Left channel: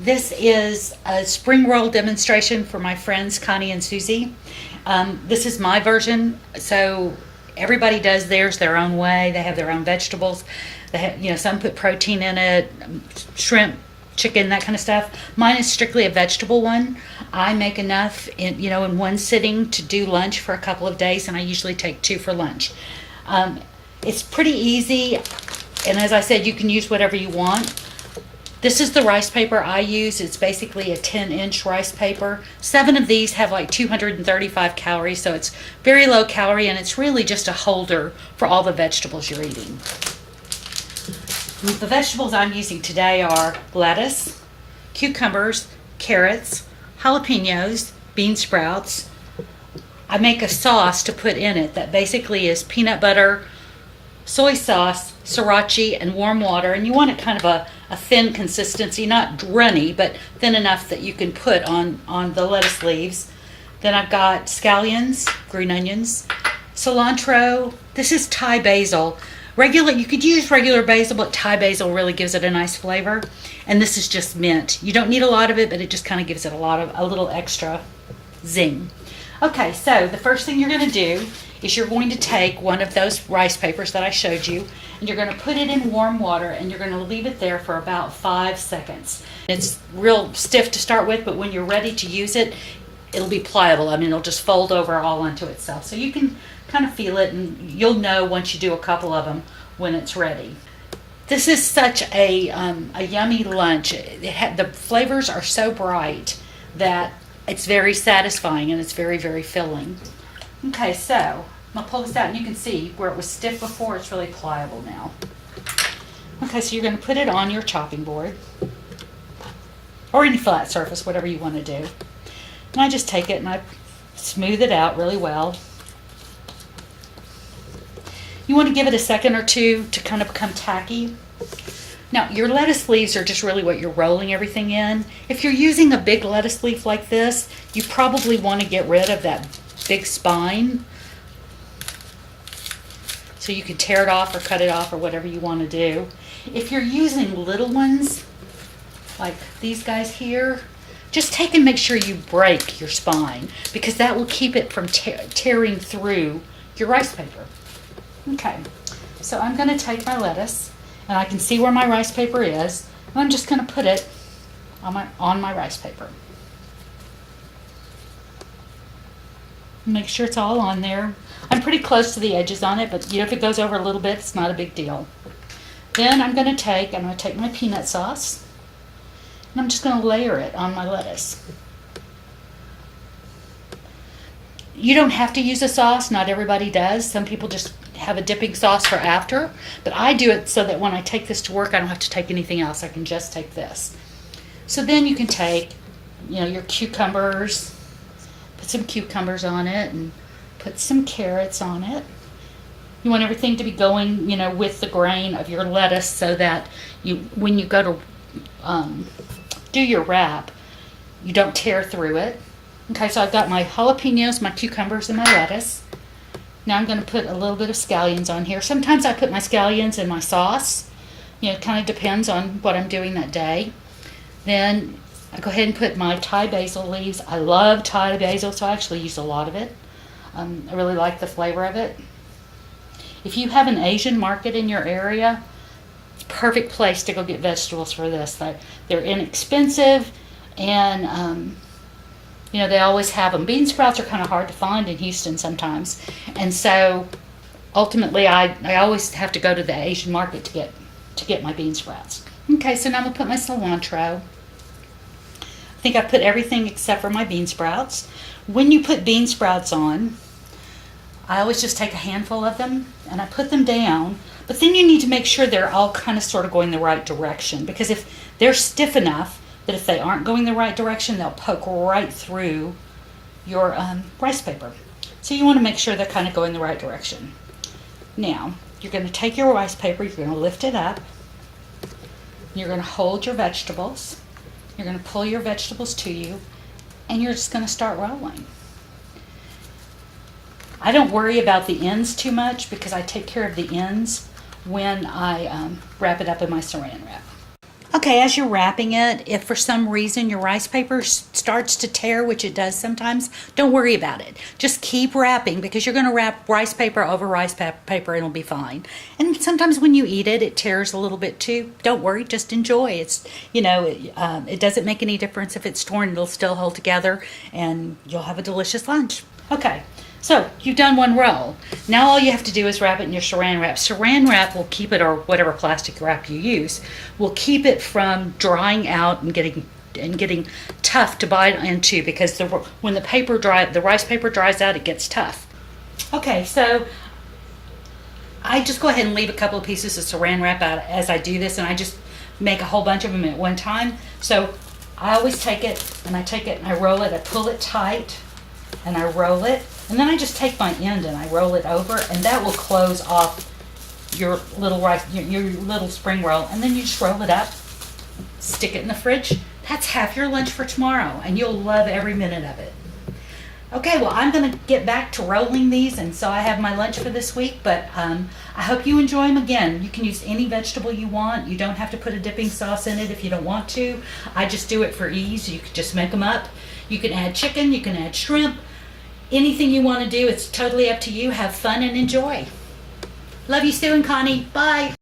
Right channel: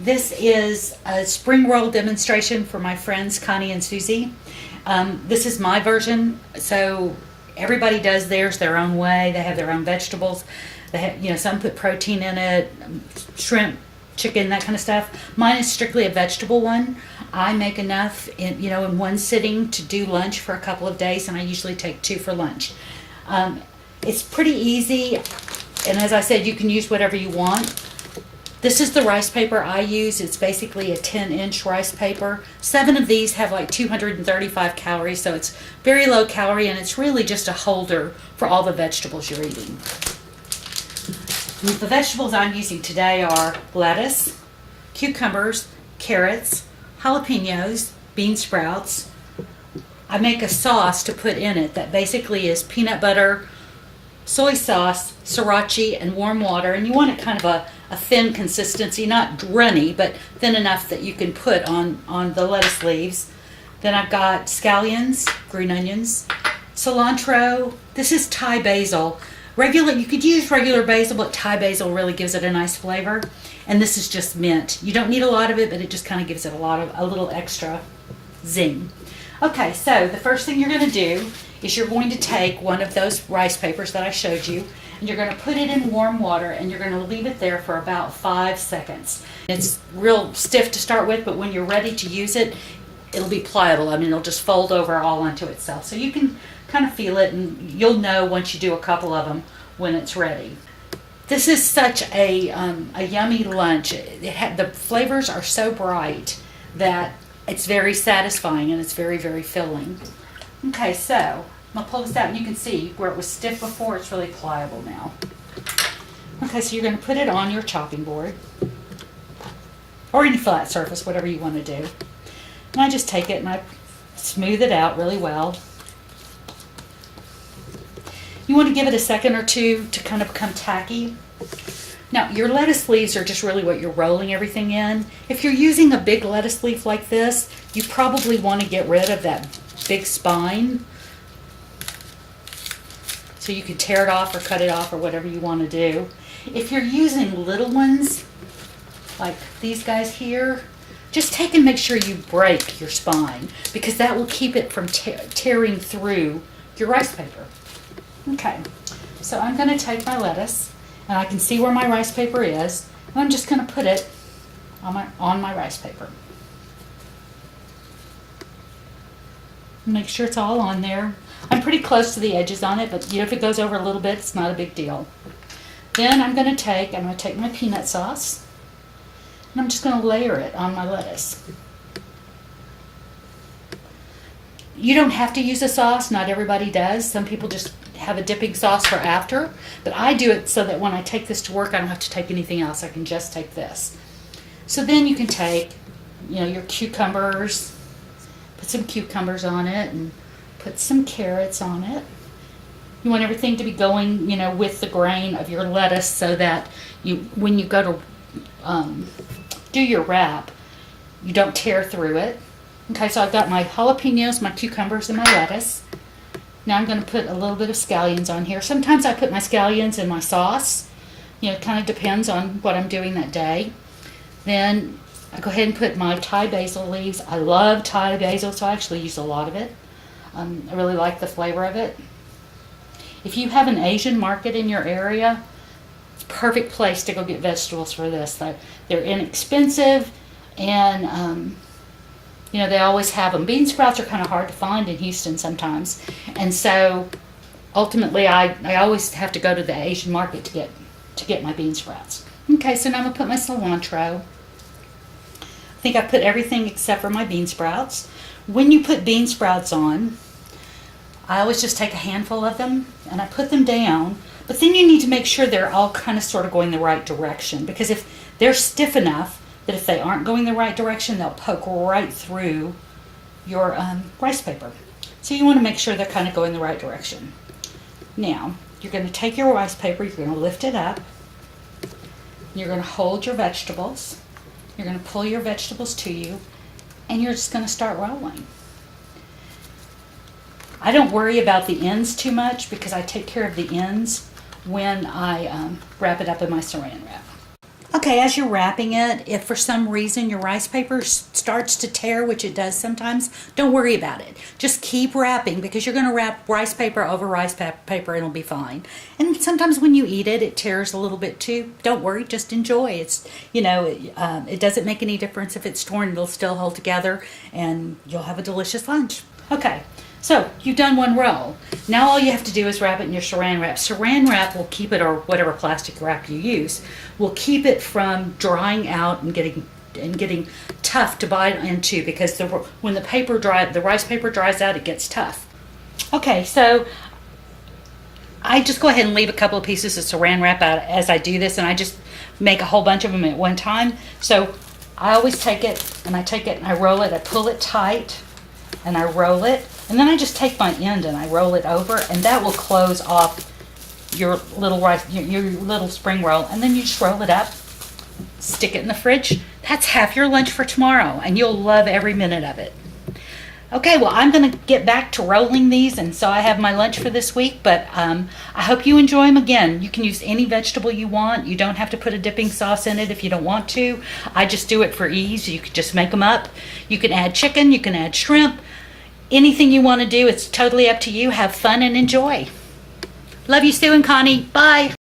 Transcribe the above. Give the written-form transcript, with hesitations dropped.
This is a spring roll demonstration for my friends Connie and Susie. This is my version, so everybody does theirs their own way. They have their own vegetables. They have, some put protein in it, shrimp, chicken, that kind of stuff. Mine is strictly a vegetable one. I make enough in one sitting to do lunch for a couple of days, and I usually take two for lunch. It's pretty easy, and as I said, you can use whatever you want. This is the rice paper I use. It's basically a 10-inch rice paper. 7 of these have like 235 calories, so it's very low calorie, and it's really just a holder for all the vegetables you're eating. The vegetables I'm using today are lettuce, cucumbers, carrots, jalapenos, bean sprouts. I make a sauce to put in it that basically is peanut butter, soy sauce, sriracha, and warm water. And you want it kind of a thin consistency, not runny, but thin enough that you can put on the lettuce leaves. Then I've got scallions, green onions, cilantro. This is Thai basil. You could use regular basil, but Thai basil really gives it a nice flavor. And this is just mint. You don't need a lot of it, but it just kind of gives it a little extra zing. Okay, so the first thing you're going to do is you're going to take one of those rice papers that I showed you, and you're going to put it in warm water, and you're going to leave it there for about 5 seconds. It's real stiff to start with, but when you're ready to use it, it'll be pliable. I mean, it'll just fold over all onto itself. So you can kind of feel it, and you'll know once you do a couple of them when it's ready. This is such a yummy lunch. The flavors are so bright that it's very satisfying, and it's very, very filling. Okay, so I'm going to pull this out, and you can see where it was stiff before, it's really pliable now. Okay, so you're going to put it on your chopping board, or any flat surface, whatever you want to do. And I just take it and I smooth it out really well. You want to give it a second or two to kind of become tacky. Now, your lettuce leaves are just really what you're rolling everything in. If you're using a big lettuce leaf like this, you probably want to get rid of that big spine. So you can tear it off or cut it off or whatever you want to do. If you're using little ones, like these guys here, just take and make sure you break your spine, because that will keep it from tearing through your rice paper. Okay, so I'm going to take my lettuce, and I can see where my rice paper is, and I'm just going to put it on my rice paper. Make sure it's all on there. I'm pretty close to the edges on it, but if it goes over a little bit, it's not a big deal. Then I'm going to take my peanut sauce, and I'm just going to layer it on my lettuce. You don't have to use a sauce. Not everybody does. Some people just have a dipping sauce for after, but I do it so that when I take this to work, I don't have to take anything else. I can just take this. So then you can take, your cucumbers, put some cucumbers on it, and put some carrots on it. You want everything to be going, with the grain of your lettuce, so that when you go to do your wrap, you don't tear through it. Okay, so I've got my jalapenos, my cucumbers, and my lettuce. Now I'm going to put a little bit of scallions on here. Sometimes I put my scallions in my sauce. It kind of depends on what I'm doing that day. Then I go ahead and put my Thai basil leaves. I love Thai basil, so I actually use a lot of it. I really like the flavor of it. If you have an Asian market in your area, it's a perfect place to go get vegetables for this. They're inexpensive, and they always have them. Bean sprouts are kind of hard to find in Houston sometimes. And so ultimately I always have to go to the Asian market to get my bean sprouts. Okay, so now I'm going to put my cilantro. I think I put everything except for my bean sprouts. When you put bean sprouts on, I always just take a handful of them and I put them down. But then you need to make sure they're all kind of sort of going the right direction, because if they're stiff enough that if they aren't going the right direction, they'll poke right through your rice paper. So you want to make sure they're kind of going the right direction. Now, you're going to take your rice paper, you're going to lift it up, you're going to hold your vegetables, you're going to pull your vegetables to you, and you're just going to start rolling. I don't worry about the ends too much, because I take care of the ends when I wrap it up in my saran wrap. Okay, as you're wrapping it, if for some reason your rice paper starts to tear, which it does sometimes, don't worry about it. Just keep wrapping because you're going to wrap rice paper over rice paper and it'll be fine. And sometimes when you eat it, it tears a little bit too. Don't worry, just enjoy. It's, it doesn't make any difference if it's torn, it'll still hold together and you'll have a delicious lunch. Okay. So you've done one roll. Now all you have to do is wrap it in your saran wrap. Saran wrap will keep it, or whatever plastic wrap you use, will keep it from drying out and getting tough to bite into because when the rice paper dries out, it gets tough. Okay, so I just go ahead and leave a couple of pieces of saran wrap out as I do this, and I just make a whole bunch of them at one time. So I always take it and I roll it, I pull it tight and I roll it, and then I just take my end and I roll it over, and that will close off your little your little spring roll, and then you just roll it up, stick it in the fridge. That's half your lunch for tomorrow, and you'll love every minute of it. Okay, well, I'm going to get back to rolling these, and so I have my lunch for this week, but I hope you enjoy them. Again, you can use any vegetable you want. You don't have to put a dipping sauce in it if you don't want to. I just do it for ease. You can just make them up. You can add chicken, you can add shrimp, anything you want to do. It's totally up to you. Have fun and enjoy. Love you, Sue and Connie. Bye.